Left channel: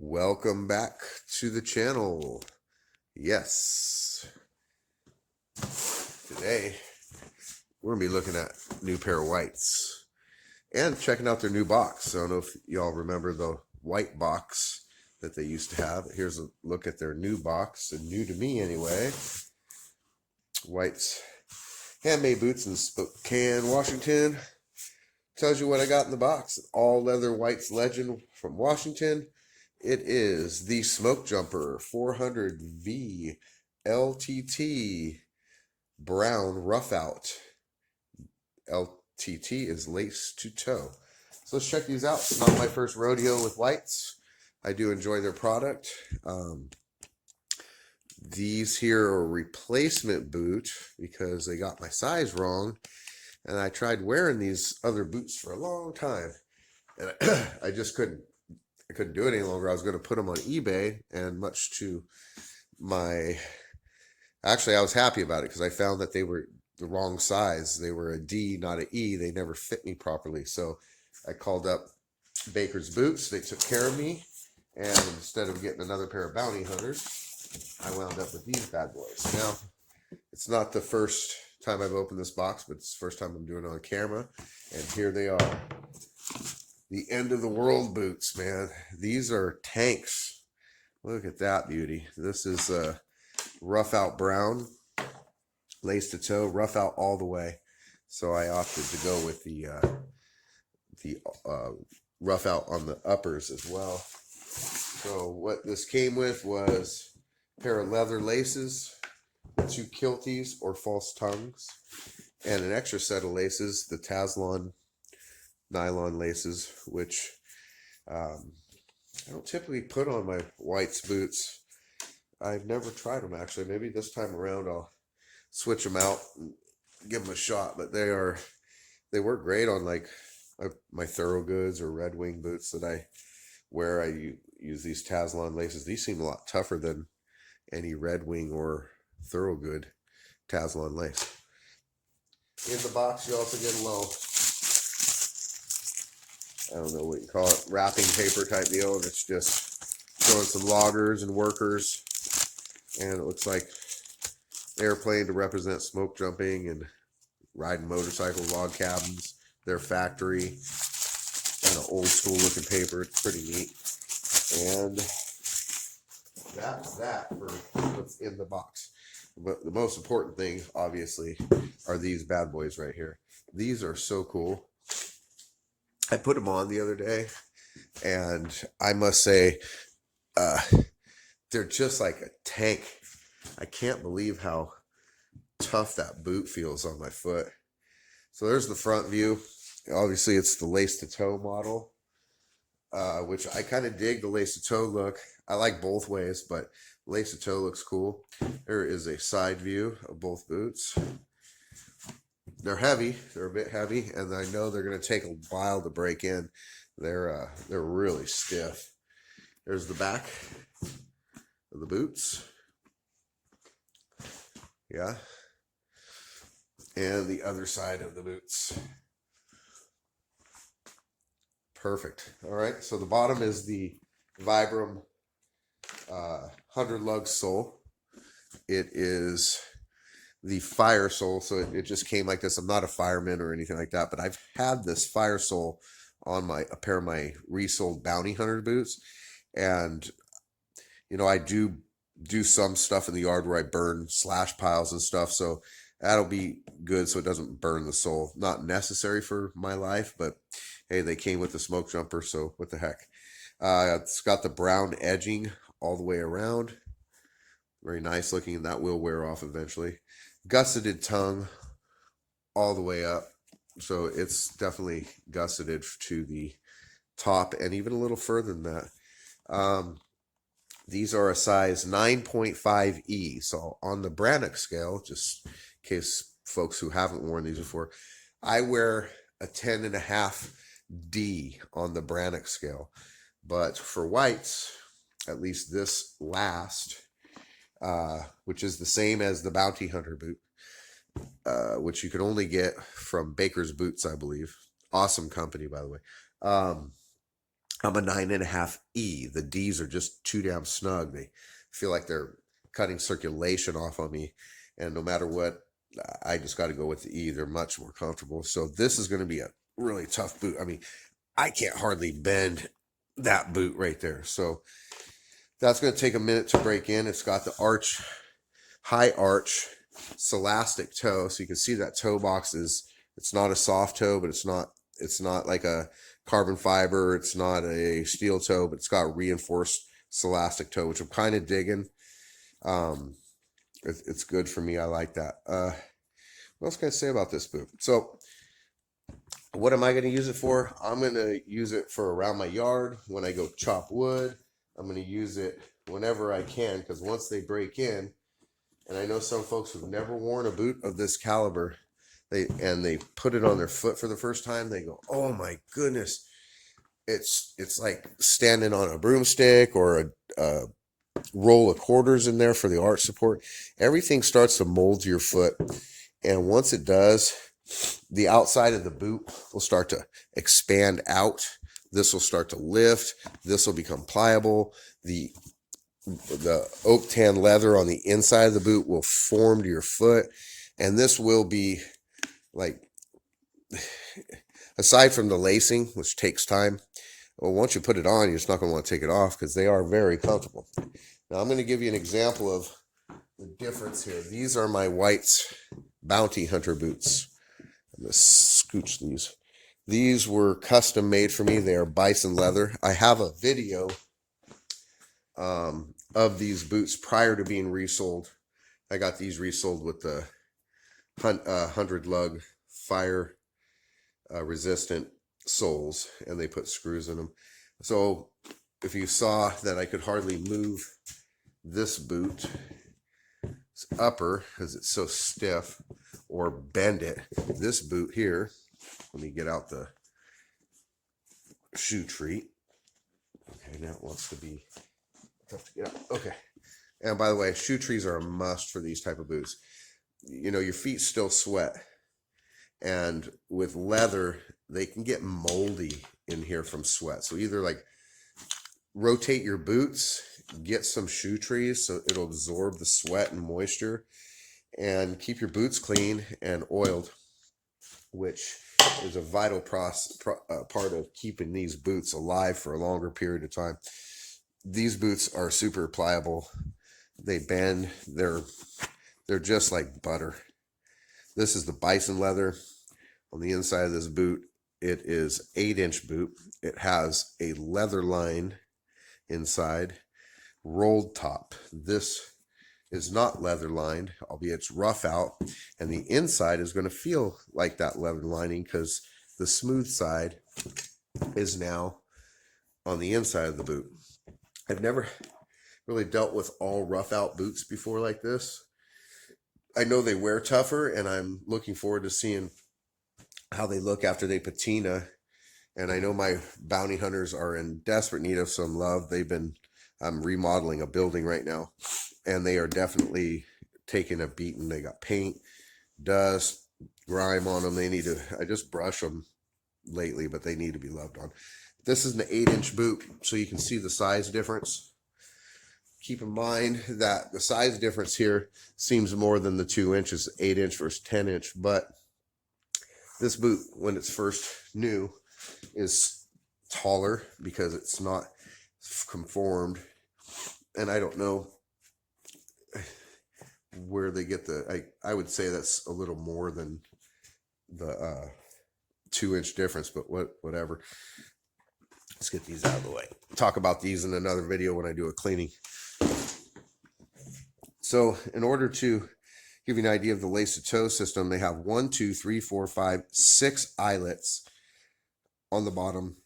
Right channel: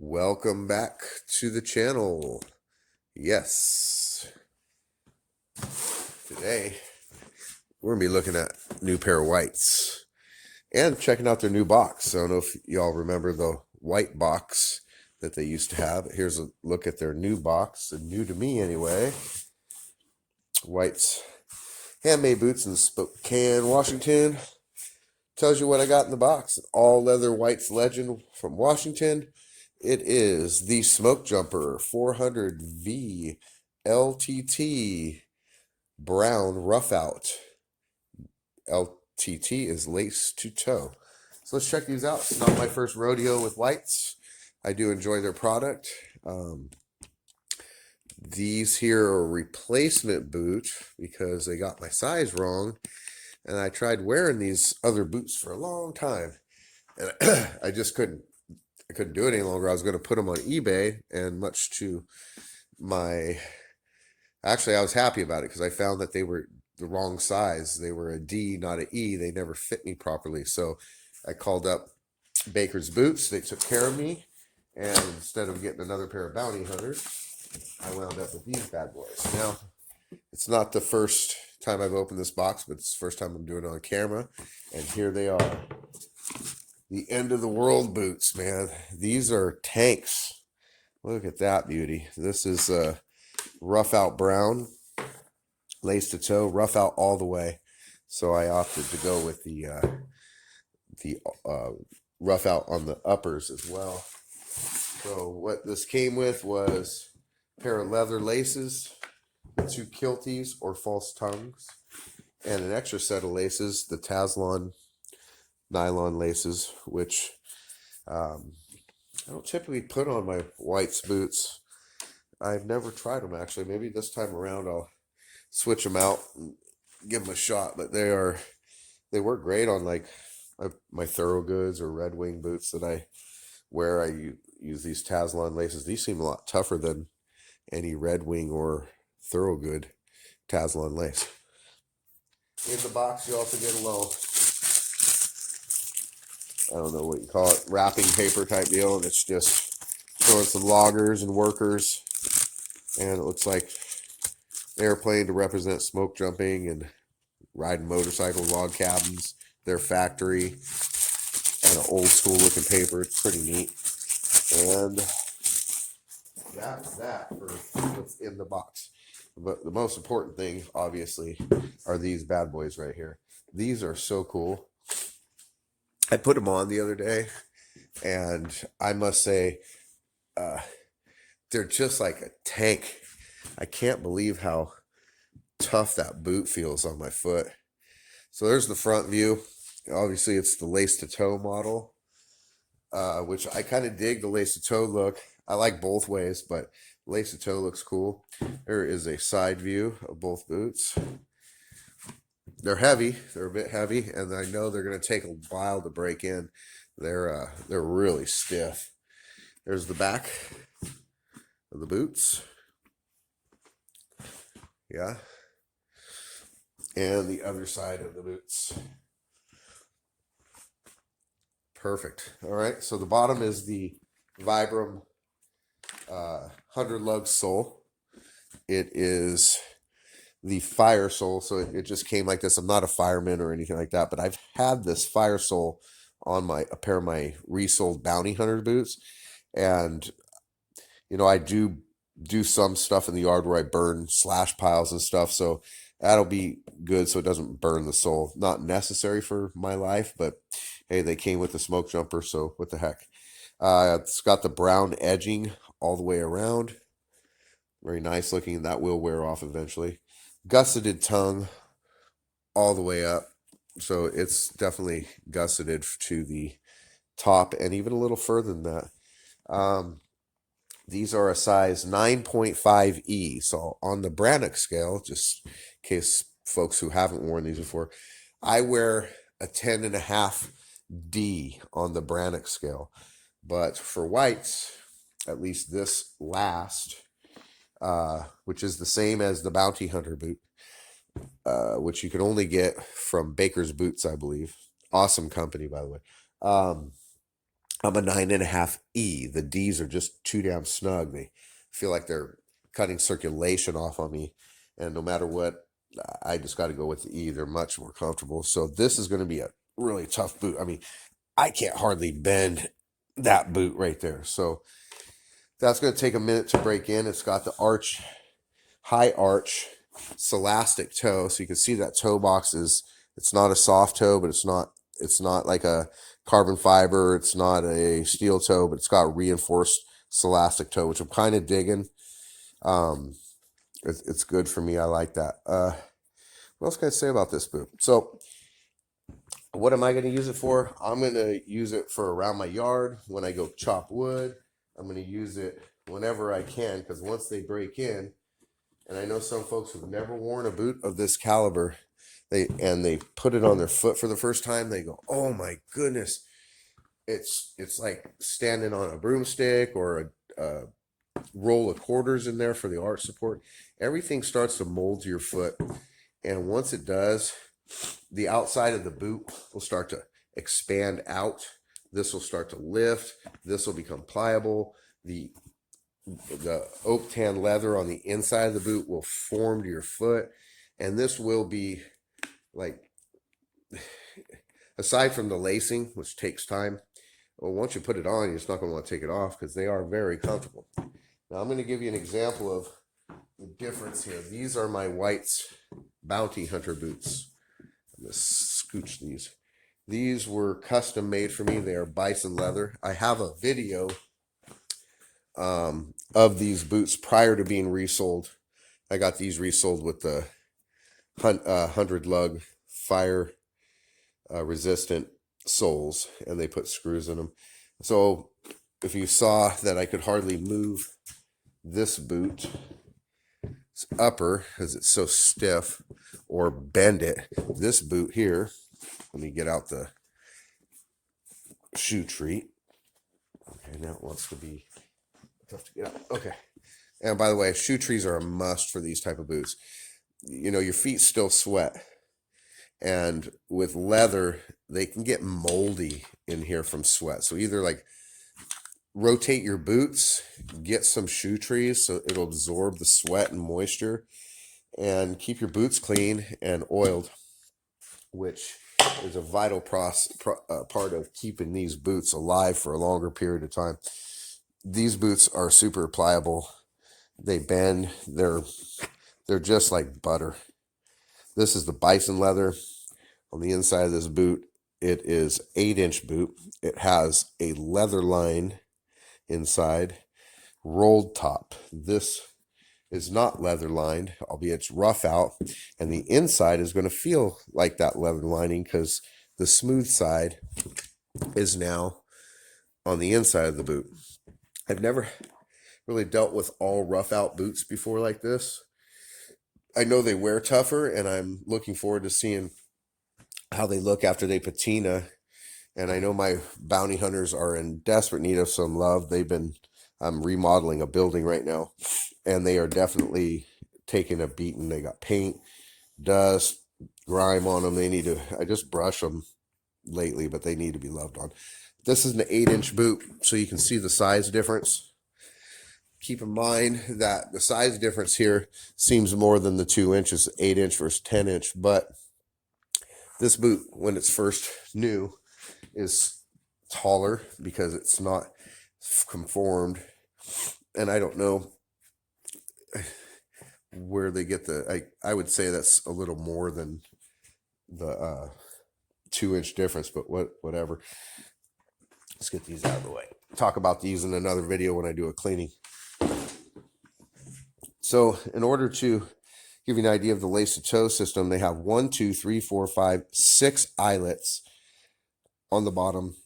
Welcome back to the channel. Yes. Today, we're going to be looking at a new pair of whites and checking out their new box. I don't know if y'all remember the white box that they used to have. Here's a look at their new box, and new to me anyway. Whites handmade boots in Spokane, Washington. Tells you what I got in the box. All leather whites legend from Washington. It is the Smoke Jumper 400V LTT Brown Roughout. LTT is lace to toe. So let's check these out. It's not my first rodeo with whites. I do enjoy their product. These here are a replacement boot because they got my size wrong. And I tried wearing these other boots for a long time. And I just couldn't do it any longer. I was going to put them on eBay, and much to my... Actually, I was happy about it because I found that they were the wrong size. They were a D, not an E. They never fit me properly. So I called up Baker's Boots. They took care of me. And instead of getting another pair of bounty hunters, I wound up with these bad boys. Now, it's not the first time I've opened this box, but it's the first time I'm doing it on camera. And here they are. The end of the world boots, man. These are tanks. Look at that beauty. This is Roughout brown, lace to toe, Roughout all the way. So I opted to go with the Roughout on the uppers as well. So what this came with was a pair of leather laces, 2 kilties or false tongues, and an extra set of laces, the Taslon nylon laces, which I don't typically put on my whites boots. I've never tried them, actually. Maybe this time around I'll switch them out and give them a shot. But they work great on like my Thoroughgoods or Red Wing boots that I wear. I use these Taslon laces. These seem a lot tougher than any Red Wing or Thoroughgood Taslon lace. In the box, you also get a little, I don't know what you call it, wrapping paper type deal, and it's just showing some loggers and workers, and it looks like airplane to represent smoke jumping and riding motorcycles, log cabins, their factory, and an old school looking paper. It's pretty neat. And that's that for what's in the box. But the most important thing, obviously, are these bad boys right here. These are so cool. I put them on the other day, and I must say, they're just like a tank. I can't believe how tough that boot feels on my foot. So there's the front view. Obviously, it's the lace to toe model, which I kind of dig the lace to toe look. I like both ways, but lace to toe looks cool. There is a side view of both boots. They're heavy. They're a bit heavy, and I know they're going to take a while to break in. They're really stiff. There's the back of the boots. Yeah. And the other side of the boots. Perfect. All right. So the bottom is the Vibram 100 lug sole. It is the fire sole, so it just came like this. I'm not a fireman or anything like that, but I've had this fire sole on a pair of my resold bounty hunter boots, and I do some stuff in the yard where I burn slash piles and stuff, so that'll be good so it doesn't burn the sole. Not necessary for my life, but hey, they came with the smoke jumper, so what the heck. It's got the brown edging all the way around. Very nice looking. That will wear off eventually. Gusseted tongue all the way up. So it's definitely gusseted to the top and even a little further than that. These are a size 9.5E. So on the Brannock scale, just in case folks who haven't worn these before, I wear a 10.5D on the Brannock scale. But for whites, at least this last, which is the same as the Bounty Hunter boot, which you can only get from Baker's Boots, I believe. Awesome company, by the way. I'm a 9.5E. The D's are just too damn snug. They feel like they're cutting circulation off on me. And no matter what, I just got to go with the E. They're much more comfortable. So this is going to be a really tough boot. I mean, I can't hardly bend that boot right there. So that's going to take a minute to break in. It's got the arch, high arch, Slastic Toe. So you can see that toe box it's not a soft toe, but it's not like a carbon fiber. It's not a steel toe, but it's got reinforced Slastic Toe, which I'm kind of digging. It's good for me. I like that. What else can I say about this boot? So what am I going to use it for? I'm going to use it for around my yard when I go chop wood. I'm going to use it whenever I can, because once they break in, and I know some folks who've never worn a boot of this caliber, they put it on their foot for the first time, they go, oh my goodness, it's like standing on a broomstick or a roll of quarters in there for the arch support. Everything starts to mold to your foot, and once it does, the outside of the boot will start to expand out. This will start to lift. This will become pliable. The oak tan leather on the inside of the boot will form to your foot, and this will be like, aside from the lacing, which takes time, well, once you put it on, you're just not going to want to take it off because they are very comfortable. Now I'm going to give you an example of the difference here. These are my White's Bounty Hunter boots. I'm going to scooch these. These were custom made for me. They are bison leather. I have a video of these boots prior to being resold. I got these resold with the 100 lug fire resistant soles, and they put screws in them. So if you saw that I could hardly move this boot upper because it's so stiff, or bend it, this boot here, let me get out the shoe treat. Okay, now it wants to be tough to get out. Okay. And by the way, shoe trees are a must for these type of boots. You know, your feet still sweat, and with leather, they can get moldy in here from sweat. So either like rotate your boots, get some shoe trees so it'll absorb the sweat and moisture, and keep your boots clean and oiled, which is a vital part of keeping these boots alive for a longer period of time. These boots are super pliable. They bend. They're just like butter. This is the bison leather. On the inside of this boot, it is 8-inch boot. It has a leather line inside, rolled top. This is not leather lined, albeit it's Roughout, and the inside is going to feel like that leather lining because the smooth side is now on the inside of the boot. I've never really dealt with all Roughout boots before like this. I know they wear tougher, and I'm looking forward to seeing how they look after they patina. And I know my bounty hunters are in desperate need of some love. I'm remodeling a building right now, and they are definitely taking a beating. They got paint, dust, grime on them. I just brush them lately, but they need to be loved on. This is an 8-inch boot, so you can see the size difference. Keep in mind that the size difference here seems more than the 2 inches, 8-inch versus 10-inch, but this boot, when it's first new, is taller because it's not conformed, and I don't know where they get I would say that's a little more than the 2-inch difference, but whatever. Let's get these out of the way. Talk about these in another video when I do a cleaning. So in order to give you an idea of the Gusseted Toe system, they have 1, 2, 3, 4, 5, 6 eyelets on the bottom,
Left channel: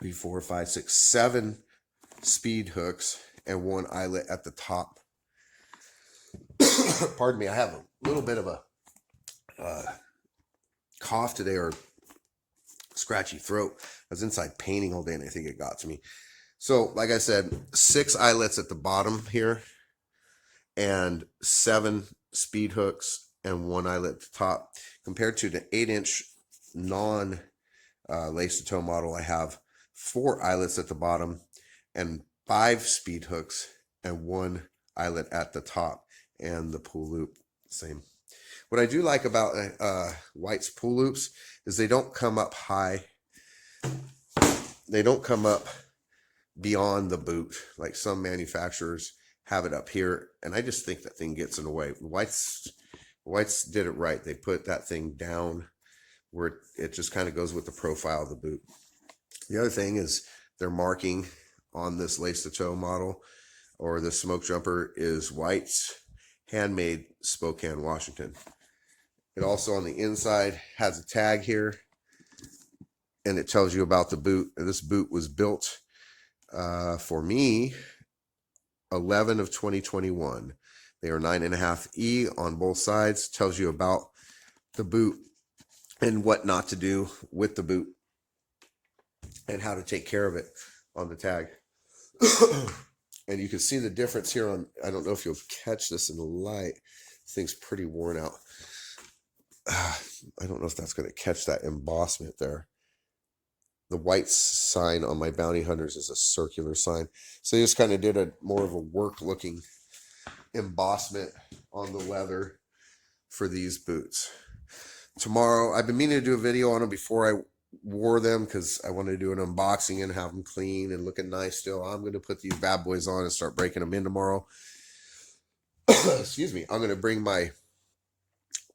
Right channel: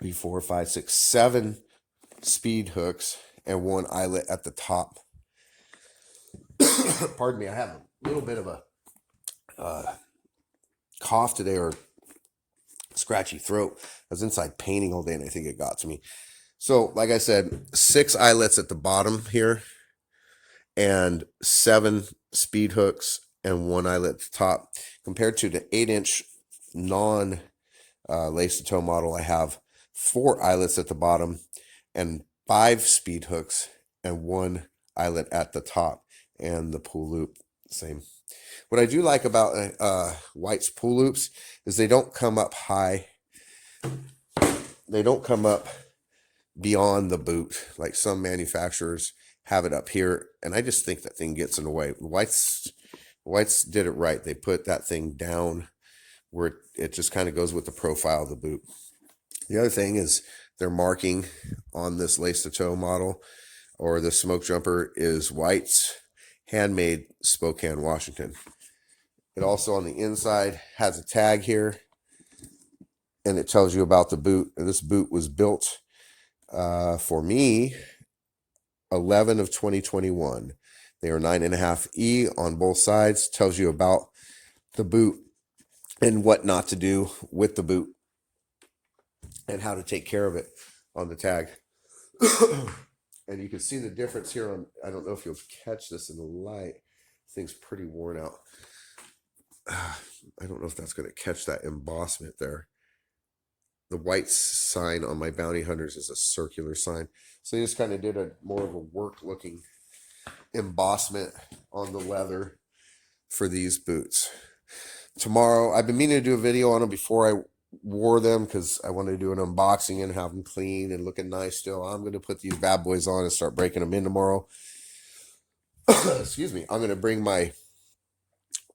3, 4, 5, 6, 7 speed hooks, and 1 eyelet at the top. Pardon me, I have a little bit of a cough today, or scratchy throat. I was inside painting all day, and I think it got to me. So, like I said, 6 eyelets at the bottom here, and 7 speed hooks, and 1 eyelet at the top. Compared to the 8-inch non Gusseted Toe model, I have 4 eyelets at the bottom, and 5 speed hooks, and 1 eyelet at the top, and the pull loop same. What I do like about White's pull loops is they don't come up high. They don't come up beyond the boot like some manufacturers have it up here, and I just think that thing gets in the way. White's did it right. They put that thing down where it just kind of goes with the profile of the boot. The other thing is their marking on this Slastic Toe model or the smoke jumper is White's handmade Spokane, Washington. It also on the inside has a tag here, and it tells you about the boot. This boot was built for me 11 of 2021. They are 9.5 E on both sides. Tells you about the boot and what not to do with the boot and how to take care of it on the tag. And you can see the difference here on, I don't know if you'll catch this in the light. This thing's pretty worn out. I don't know if that's going to catch that embossment there. The white sign on my bounty hunters is a circular sign. So they just kind of did a more of a work looking embossment on the leather for these boots. Tomorrow, I've been meaning to do a video on them before I wore them because I wanted to do an unboxing and have them clean and looking nice still. I'm going to put these bad boys on and start breaking them in tomorrow. Excuse me. I'm going to bring my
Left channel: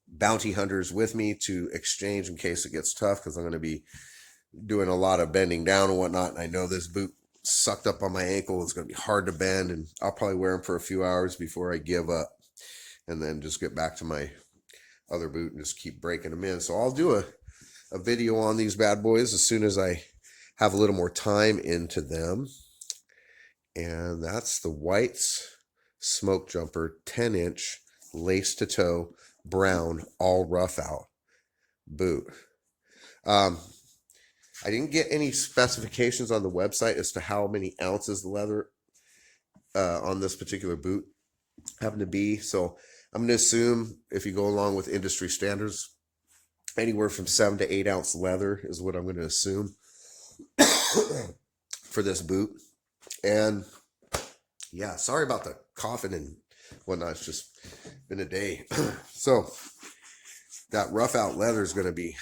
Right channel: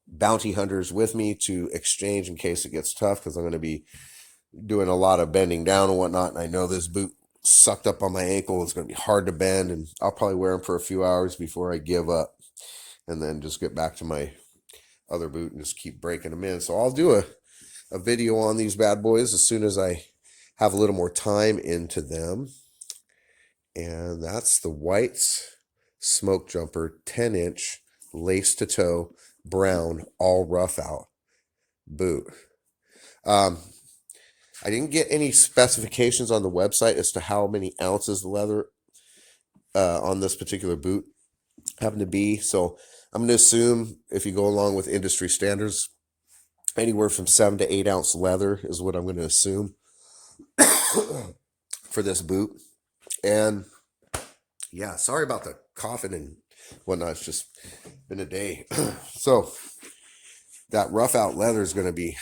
bounty hunters with me to exchange in case it gets tough because I'm going to be doing a lot of bending down and whatnot. And I know this boot sucked up on my ankle. It's going to be hard to bend, and I'll probably wear them for a few hours before I give up and then just get back to my other boot and just keep breaking them in. So I'll do a video on these bad boys as soon as I have a little more time into them. And that's the White's Smoke Jumper 10-inch lace to toe brown all Roughout boot. I didn't get any specifications on the website as to how many ounces the leather on this particular boot happen to be. So I'm going to assume if you go along with industry standards, anywhere from 7 to 8 ounce leather is what I'm going to assume for this boot. And yeah, sorry about the coughing and whatnot. It's just been a day. So that Roughout leather is going to be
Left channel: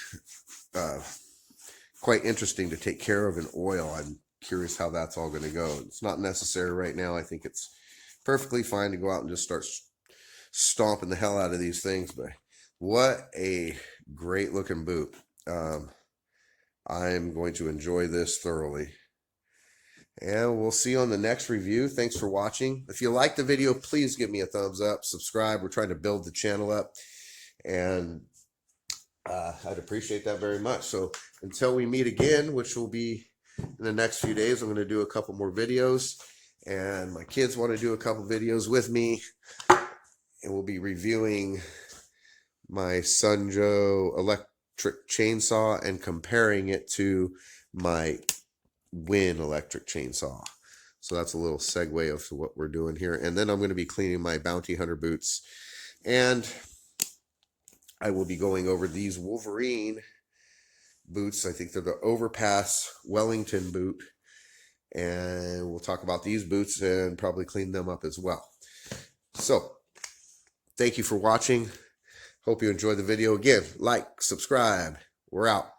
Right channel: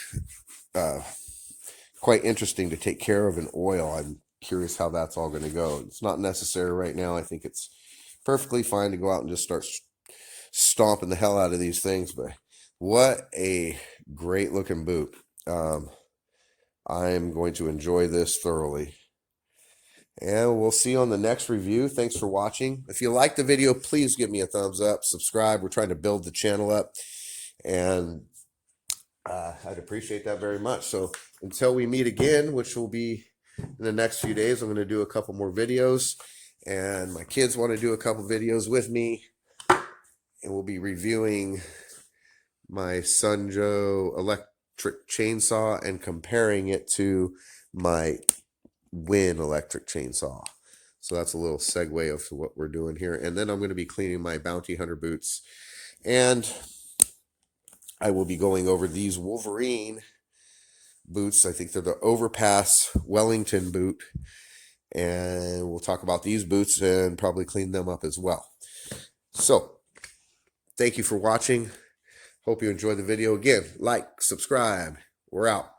quite interesting to take care of in oil. I'm curious how that's all going to go. It's not necessary right now. I think it's perfectly fine to go out and just start stomping the hell out of these things. But what a great looking boot. I'm going to enjoy this thoroughly. And we'll see you on the next review. Thanks for watching. If you like the video, please give me a thumbs up. Subscribe. We're trying to build the channel up. And I'd appreciate that very much. So until we meet again, which will be in the next few days, I'm going to do a couple more videos. And my kids want to do a couple videos with me. And we'll be reviewing my Sunjo electric chainsaw and comparing it to my Win electric chainsaw. So that's a little segue of what we're doing here. And then I'm going to be cleaning my bounty hunter boots. And I will be going over these Wolverine boots. I think they're the Overpass Wellington boot. And we'll talk about these boots and probably clean them up as well. So thank you for watching. Hope you enjoyed the video. Again, like, subscribe. We're out.